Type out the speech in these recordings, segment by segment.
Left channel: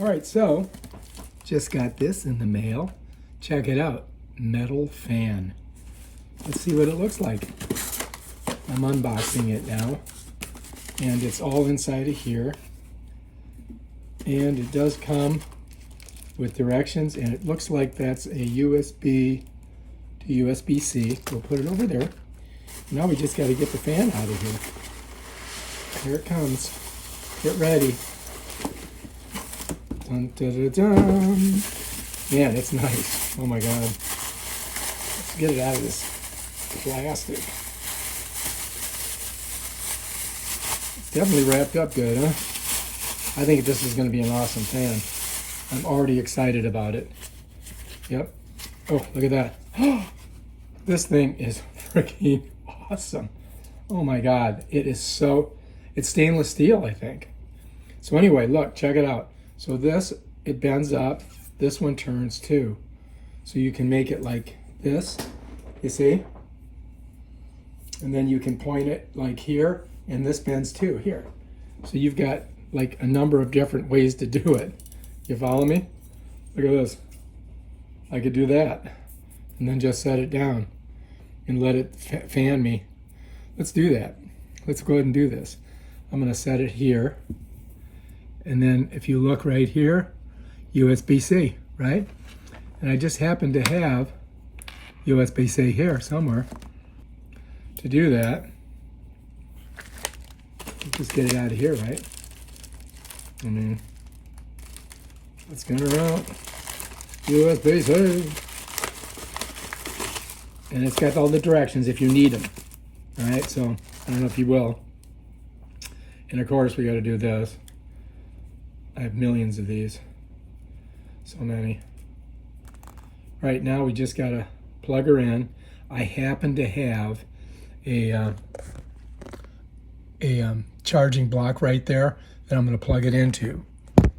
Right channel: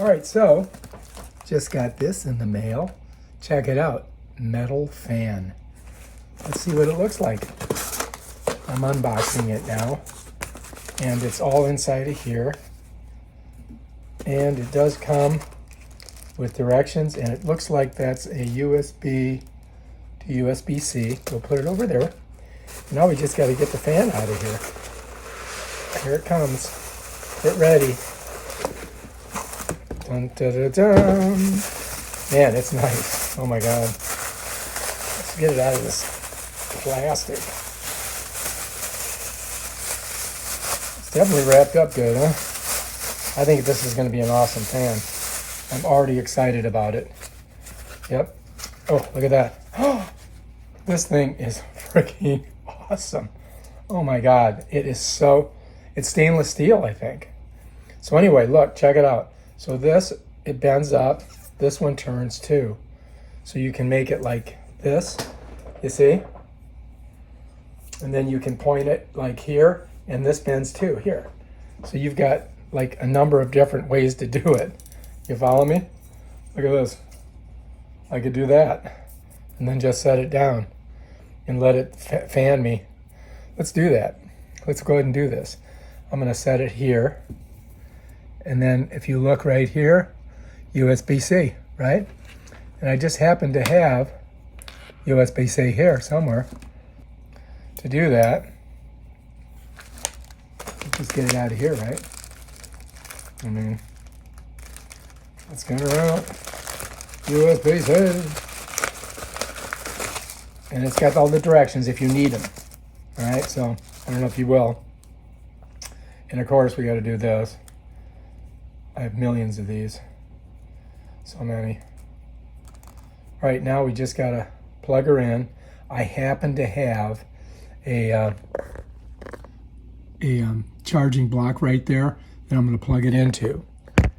All right, so just got this in the mail. Check it out, metal fan. Let's see what it looks like. I'm unboxing it now, and it's all inside of here. And it does come with directions, and it looks like that's a USB to USB-C. We'll put it over there. Now we just got to get the fan out of here. Here it comes. Get ready. Dun, dun, dun, dun. Man, it's nice. Oh my God. Let's get it out of this plastic. It's definitely wrapped up good, huh? I think this is going to be an awesome fan. I'm already excited about it. Yep. Oh, look at that. This thing is freaking awesome. Oh my God. It is so, it's stainless steel, I think. So anyway, look, check it out. So this, it bends up. This one turns too. So you can make it like this, you see? And then you can point it like here, and this bends too, here. So you've got like a number of different ways to do it. You follow me? Look at this. I could do that and then just set it down and let it fan me. Let's do that. Let's go ahead and do this. I'm gonna set it here. And then if you look right here, USB-C, right? And I just happen to have USB-C here somewhere. To do that, just get it out of here, right? I mean, let's get her out. USB-C. And it's got all the directions if you need them. All right, so I don't know if you will. And of course, we got to do this. I have millions of these. So many. Right now, we just got to plug her in. I happen to have a charging block right there that I'm going to plug it into.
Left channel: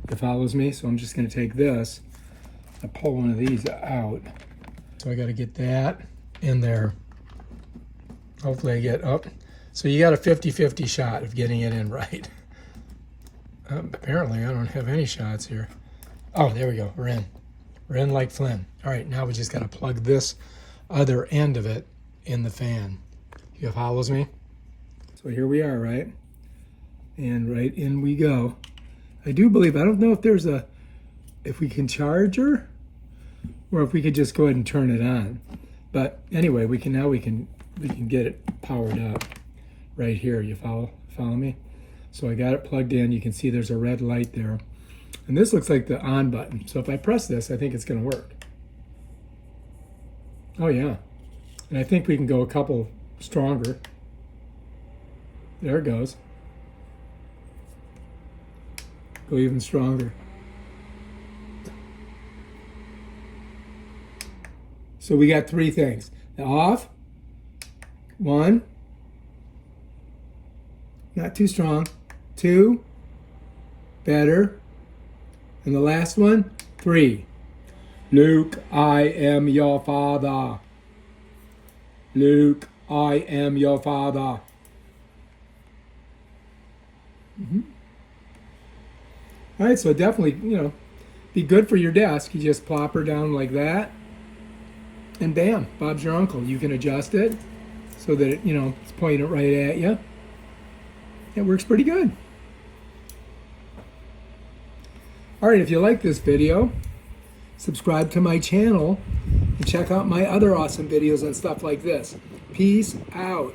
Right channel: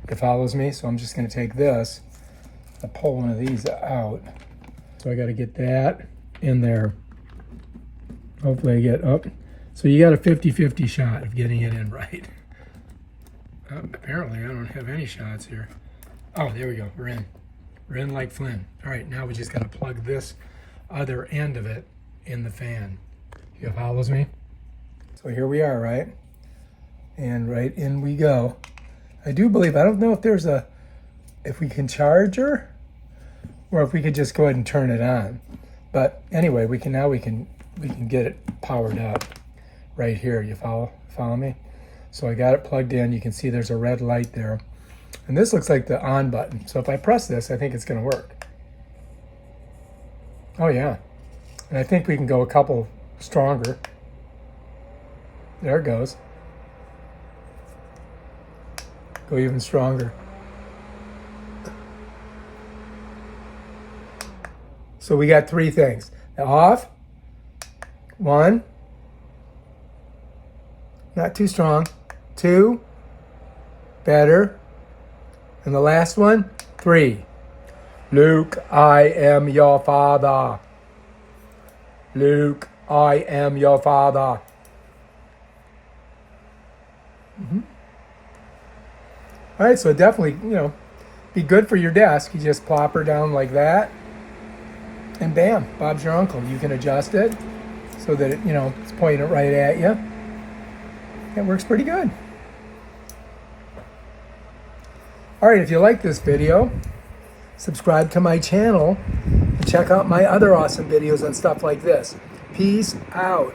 It follows me, so I'm just going to take this and pull one of these out. So I got to get that in there. Hopefully I get up. So you got a 50-50 shot of getting it in right. Apparently I don't have any shots here. Oh, there we go. We're in. We're in like Flynn. All right, now we just got to plug this other end of it in the fan. You follows me? So here we are, right? And right in we go. I do believe, I don't know if there's if we can charge her or if we could just go ahead and turn it on. But anyway, we can get it powered up right here. You follow me? So I got it plugged in. You can see there's a red light there. And this looks like the on button. So if I press this, I think it's gonna work. Oh yeah. And I think we can go a couple stronger. There it goes. Go even stronger. So we got three things. The off, one, not too strong, two, better, and the last one, three. Luke, I am your father. Luke, I am your father. All right, so definitely, be good for your desk. You just plop her down like that, and bam, Bob's your uncle. You can adjust it so that it, it's pointing right at you. It works pretty good. All right, if you like this video, subscribe to my channel and check out my other awesome videos on stuff like this. Peace out.